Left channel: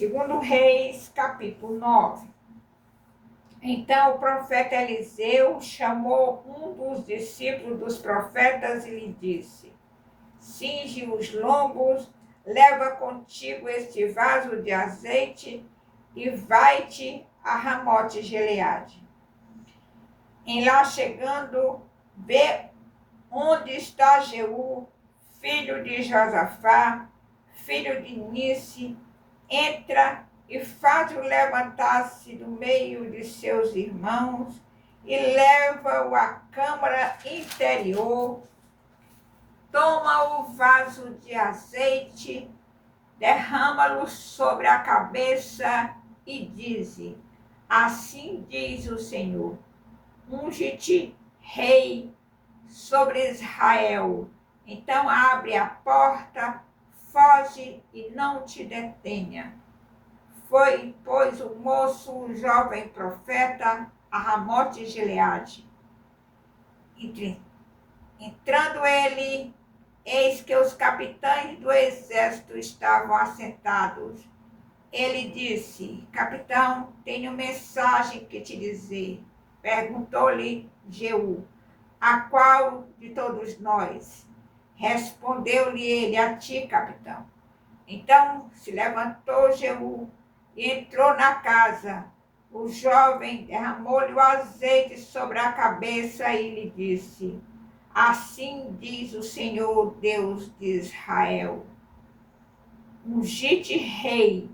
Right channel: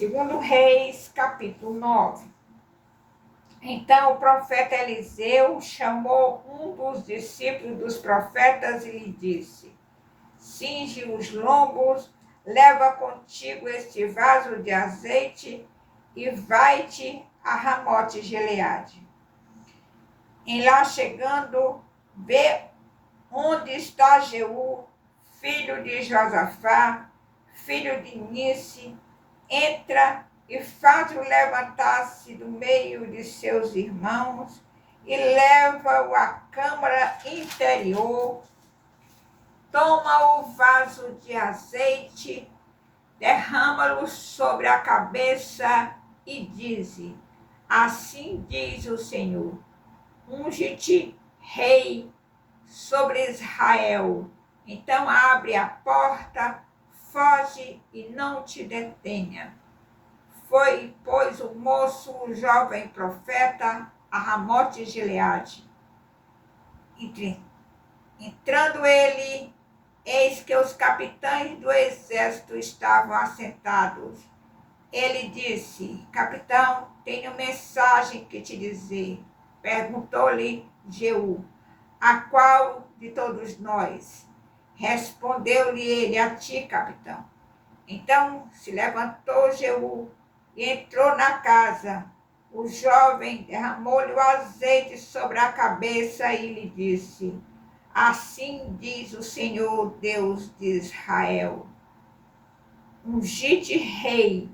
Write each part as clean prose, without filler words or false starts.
Segundo Reis, capítulo 9. Então o profeta Eliseu chamou um dos discípulos dos profetas e lhe disse: cinge os lombos, leva contigo este vaso de azeite e vai-te a Ramote Gileade. Em lá chegando, vê onde está Jeú, filho de Josafá, filho de Nice, entra e faz-o levantar-se do meio de seus irmãos e leva-o à câmara interior, toma o vaso de azeite, derrama-lo sobre a cabeça e diz: assim diz o Senhor, unge-te rei sobre Israel. Então abre a porta, foge e não te detenha. Foi, pois, o moço, o jovem profeta, a Ramote Gileade. Entrando ele, eis que os capitães do exército estavam assentados. Ele disse: capitão, tenho mensagem que te dizer. Perguntou-lhe Jeú: a qual de todos nós? Respondeu-lhe ele: a ti, capitão. Então se levantou Jeú e entrou na casa. O jovem derramou-lhe o azeite sobre a cabeça e lhe disse: assim diz o Senhor Deus de Israel, ungi-te rei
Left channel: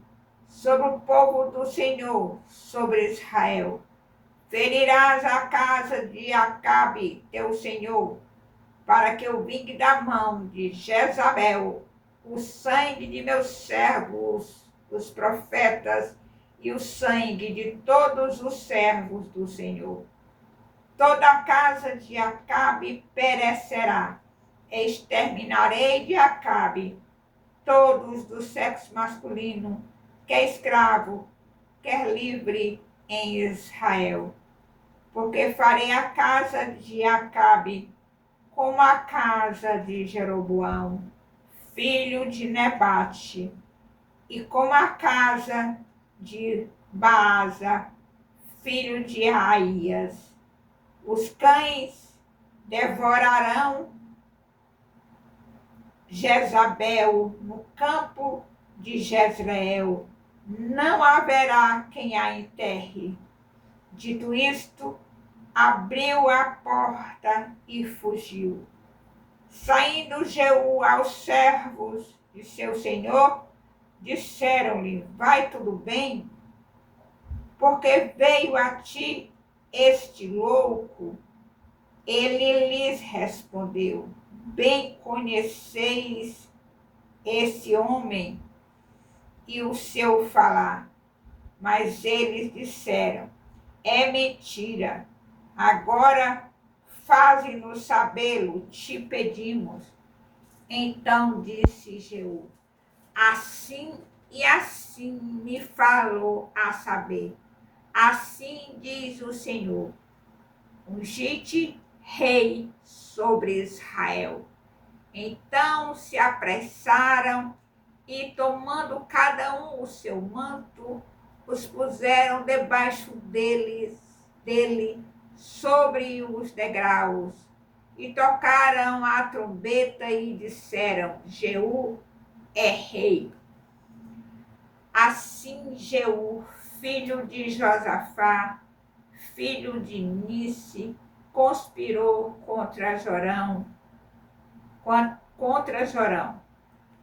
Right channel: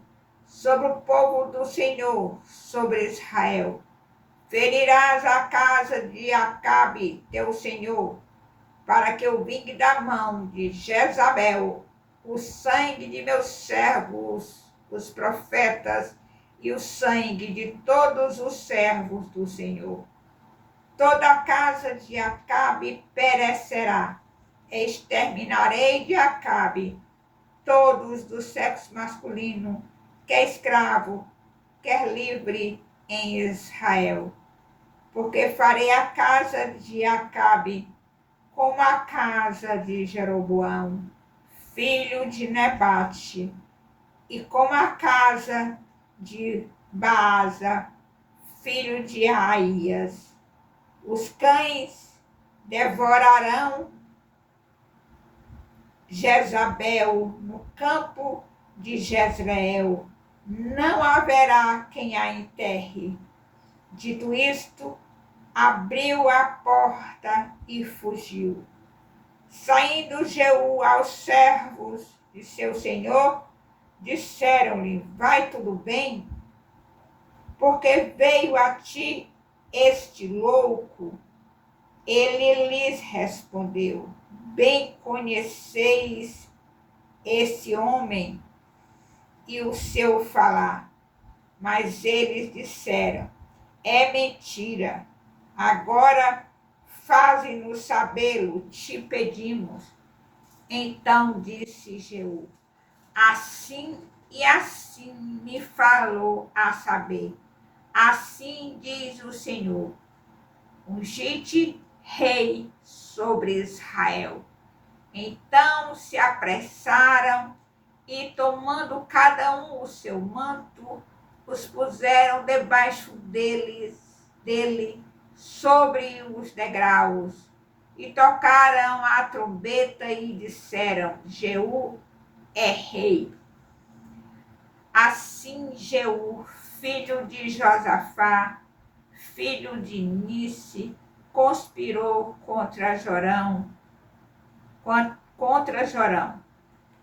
sobre o povo do Senhor, sobre Israel. Ferirás a casa de Acabe, teu senhor, para que eu vingue da mão de Jezabel o sangue de meus servos, os profetas, e o sangue de todos os servos do Senhor. Toda a casa de Acabe perecerá. Exterminarei de Acabe todos do sexo masculino, quer escravo, quer livre, em Israel. Porque farei a casa de Acabe como a casa de Jeroboão, filho de Nebate, e como a casa de Baasa, filho de Aías. Os cães devorarão Jezabel no campo de Jezreel. Não haverá quem a enterre. Dito isto, abriu a porta e fugiu. Saindo Jeú aos servos de seu senhor, disseram-lhe: vai tudo bem? Porque veio a ti este louco? Ele lhes respondeu: bem conheceis esse homem e o seu falar. Mas eles disseram: é mentira. Agora faze-nos sabê-lo, te pedimos. Então disse Jeú: assim e assim me falou a saber. Assim diz o Senhor: ungi-te rei sobre Israel. Então se apressaram e, tomando cada um o seu manto, os puseram debaixo dele sobre os degraus, e tocaram a trombeta e disseram: Jeú é rei. Assim Jeú, filho de Josafá, filho de Nice, conspirou contra Jorão.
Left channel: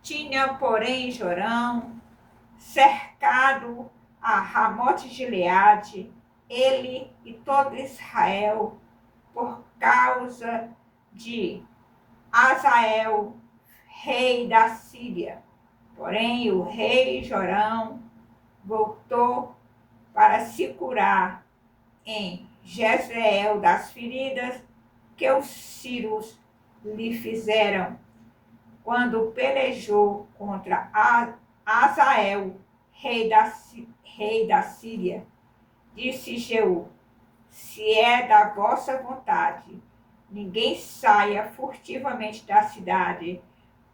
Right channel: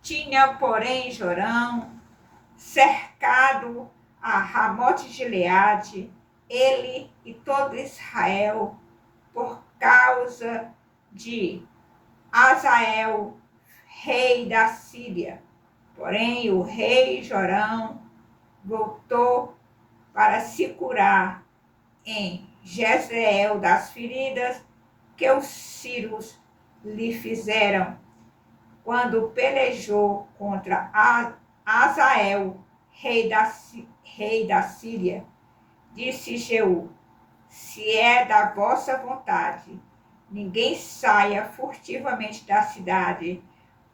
Tinha, porém, Jorão cercado a Ramote Gileade, ele e todo Israel, por causa de Azael, rei da Síria. Porém, o rei Jorão voltou para se curar em Jezreel das feridas que os sírios lhe fizeram quando pelejou contra Azael, rei da Síria. Disse Jeú: se é da vossa vontade, ninguém saia furtivamente da cidade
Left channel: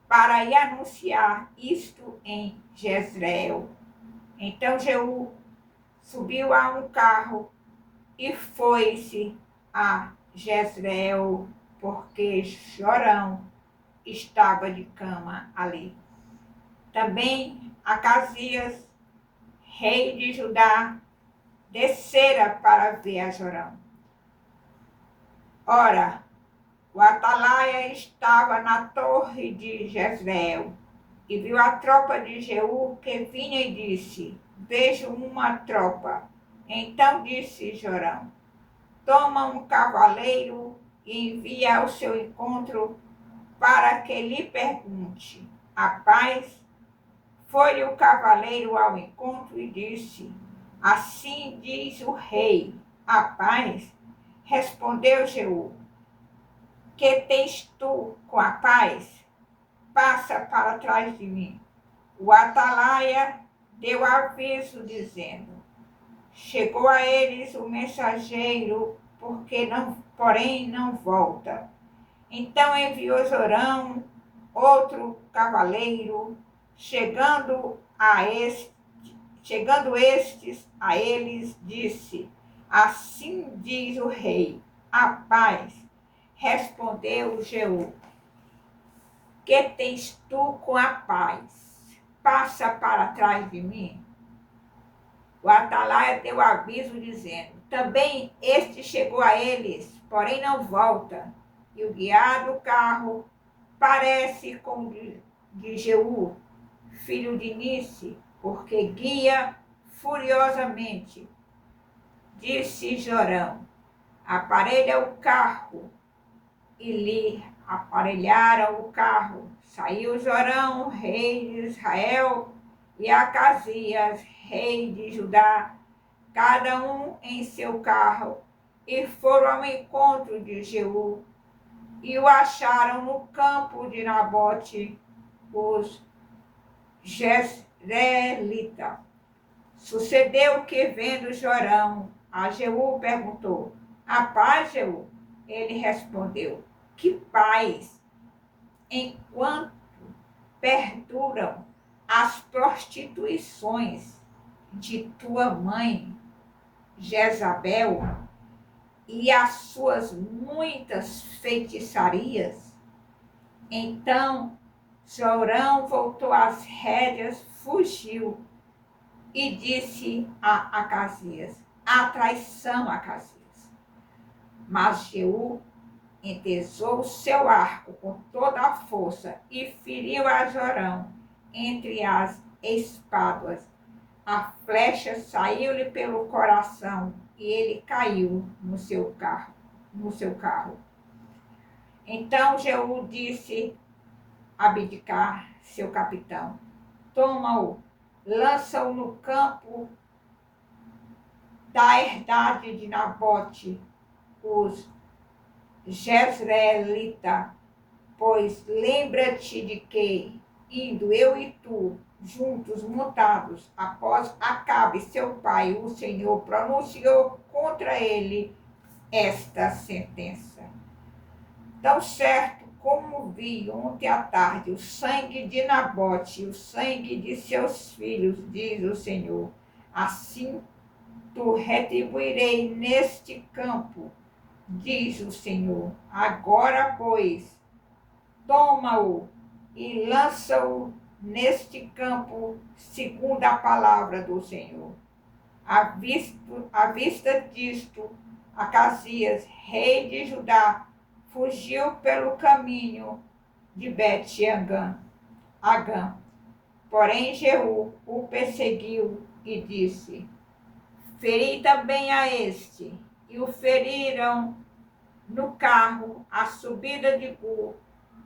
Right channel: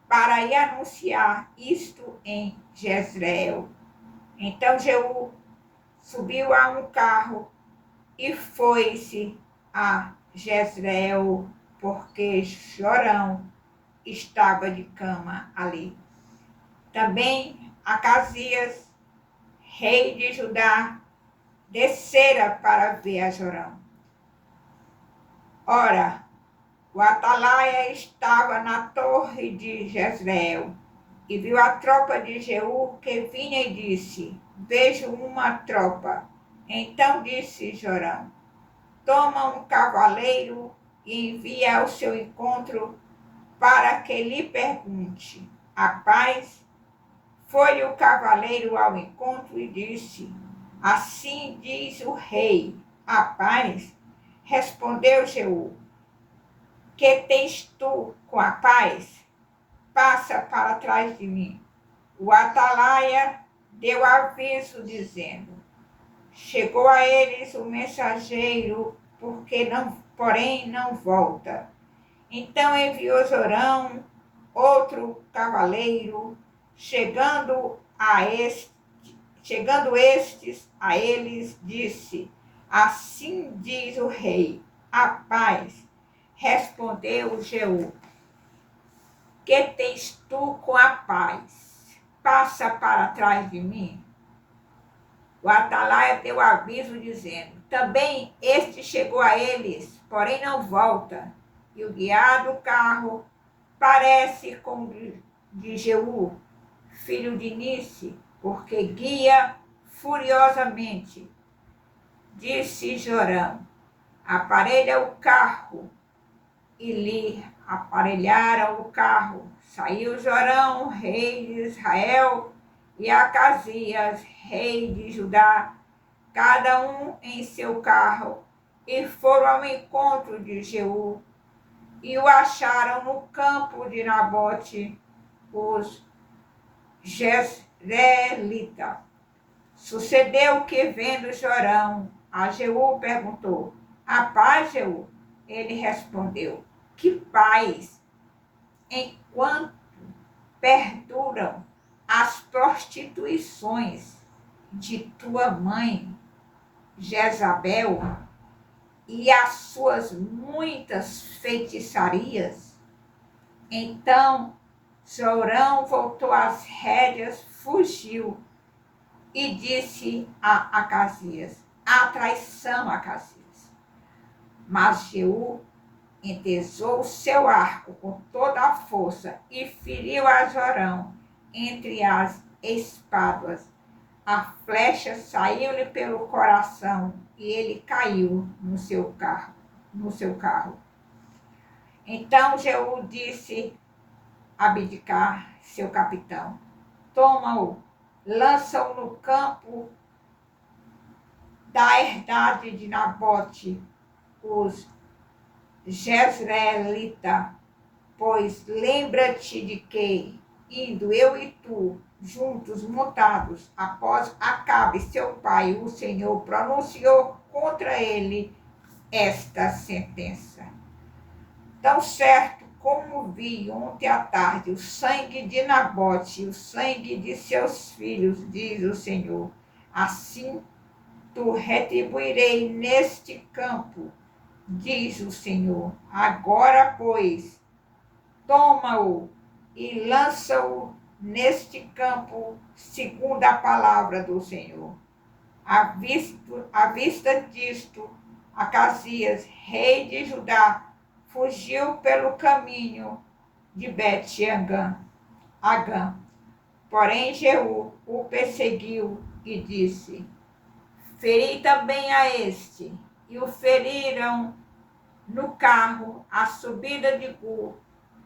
para ir anunciar isto em Jezreel. Então Jeú subiu a um carro e foi-se a Jezreel, porque Jorão estava de cama ali. Também Acasias, rei de Judá, descera para ver a Jorão. Ora, o atalaia estava na torre de Jezreel e viu a tropa de Jeú que vinha e disse: Vejo uma tropa. Então disse Jorão: Toma um cavaleiro e envia ao seu encontro para que lhe pergunte a paz. Foi o cavaleiro ao encontro e disse: Assim diz o rei, a paz. Respondeu Jeú: Que tens tu com a paz? Passa para trás de mim. O atalaia deu aviso dizendo: Chegou a eles o mensageiro, porém não volta. Então enviou Jorão outro cavaleiro, chegando estes a eles, disse: Assim diz o rei, a paz. Respondeu Jeú: Que tens tu com a paz? Passa para trás de mim. O atalaia deu aviso dizendo: Também este chegou a eles, porém não volta. E o guiar do carro parece com o de Jeú, filho de Nice, porque guia furiosamente. Disse Jorão: Aparelha o carro. E lhe aparelharam o carro. Saiu Jorão, rei de Israel, e Acasias, rei de Judá, cada um em seu carro, e foram ao encontro de Jeú, e o acharam no campo de Nabote, os Jezreelita. Sucedeu que, vendo Jorão, a Jeú perguntou: A paz, Jeú? Ele respondeu: Que paz, enquanto perduram as prostituições de tua mãe, Jezabel, e as suas muitas feitiçarias. Então Jorão voltou às rédeas, fugiu e disse a Acasias: A traição, Acasias. Mas Jeú entesou o seu arco com toda a força e feriu a Jorão entre as espáduas. A flecha saiu-lhe pelo coração e ele caiu no seu carro. Então Jeú disse a Abidcar, seu capitão: Toma-o, lança-o no campo da herdade de Nabote, os Jezreelita, pois lembra-te de que, indo eu e tu, juntos montados, após Acabe, seu pai, o Senhor pronunciou contra ele esta sentença. Tão certo como vi ontem à tarde o sangue de Nabote e o sangue de seus filhos, diz o Senhor, assim tu retribuirei neste campo, diz o Senhor. Agora, pois, toma-o e lança-o neste campo, segundo a palavra do Senhor. À vista disto, Acasias, rei de Judá, fugiu pelo caminho de Bet-Agã. Porém, Jeú o perseguiu e disse: Feri também a este. E o feriram no carro, à subida de Gur,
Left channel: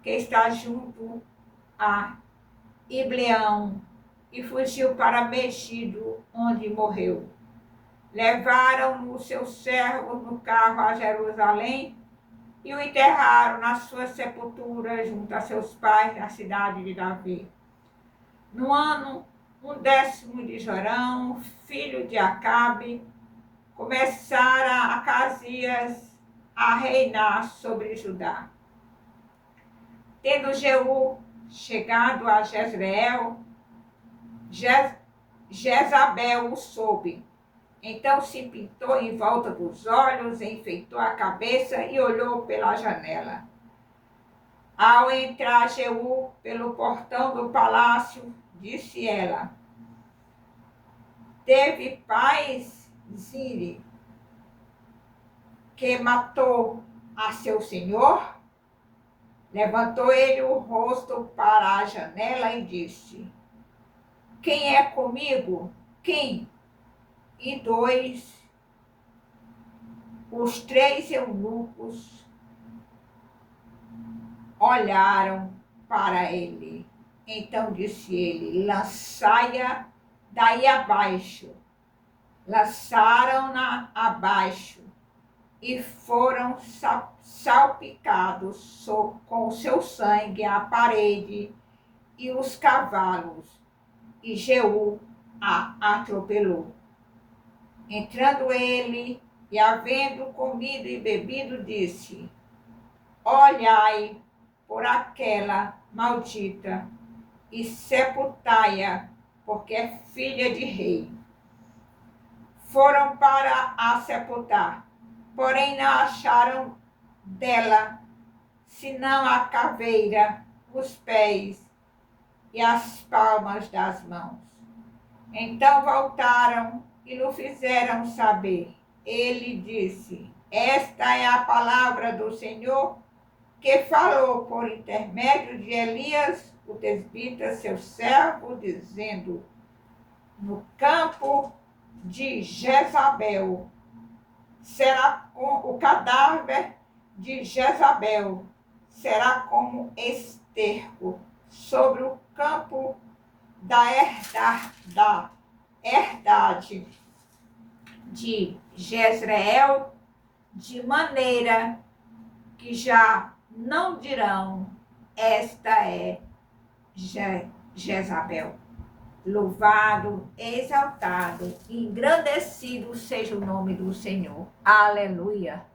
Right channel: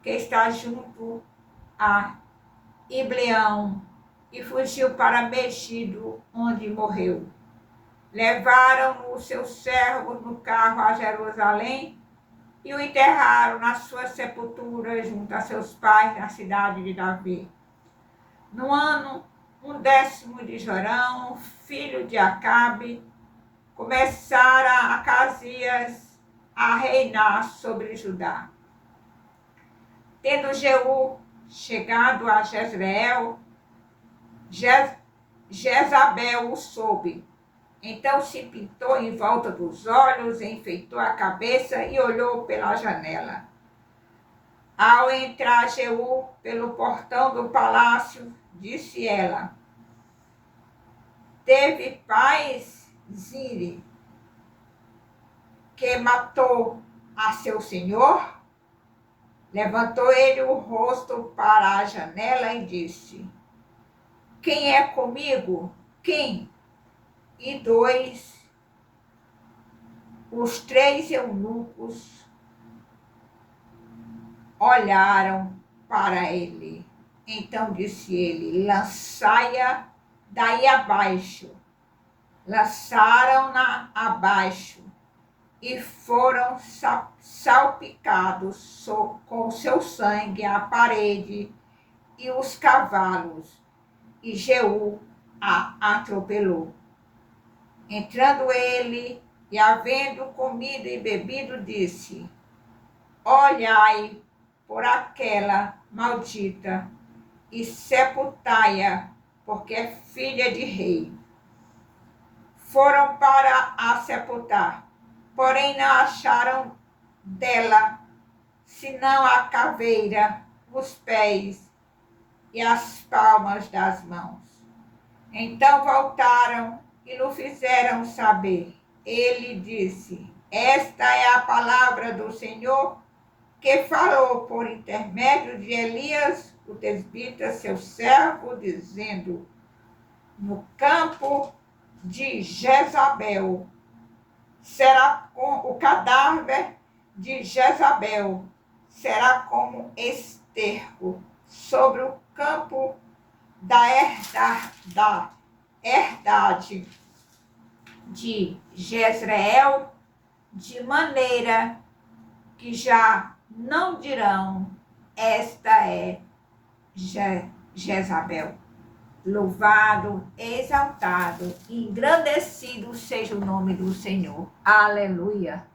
que está junto a Ibleão, e fugiu para Megido, onde morreu. Levaram os seus servos no carro a Jerusalém e o enterraram na sua sepultura junto a seus pais na cidade de Davi. No ano 10º de Jorão, filho de Acabe, começara Acasias a reinar sobre Judá. Tendo Jeú chegado a Jezreel, Jezabel o soube. Então se pintou em volta dos olhos, enfeitou a cabeça e olhou pela janela. Ao entrar Jeú pelo portão do palácio, disse ela: teve paz, Zire, que matou a seu senhor? Levantou ele o rosto para a janela e disse: quem é comigo? Quem? E os três eunucos olharam para ele. Então disse ele: lançai-a daí abaixo. Lançaram-na abaixo e foram salpicados com seu sangue a parede e os cavalos, e Jeú a atropelou. Entrando ele e havendo comido e bebido, disse: olhai por aquela maldita e sepultai-a, porque é filha de rei. Foram para a sepultar, porém não acharam dela senão a caveira, os pés e as palmas das mãos. Então voltaram e lhe fizeram saber. Ele disse: esta é a palavra do Senhor, que falou por intermédio de Elias, o tesbita, seu servo, dizendo: no campo de Jezabel será o cadáver de Jezabel será como esterco sobre o campo da herdade de Jezreel, de maneira que já não dirão: esta é Jezabel. Louvado, exaltado, engrandecido seja o nome do Senhor. Aleluia.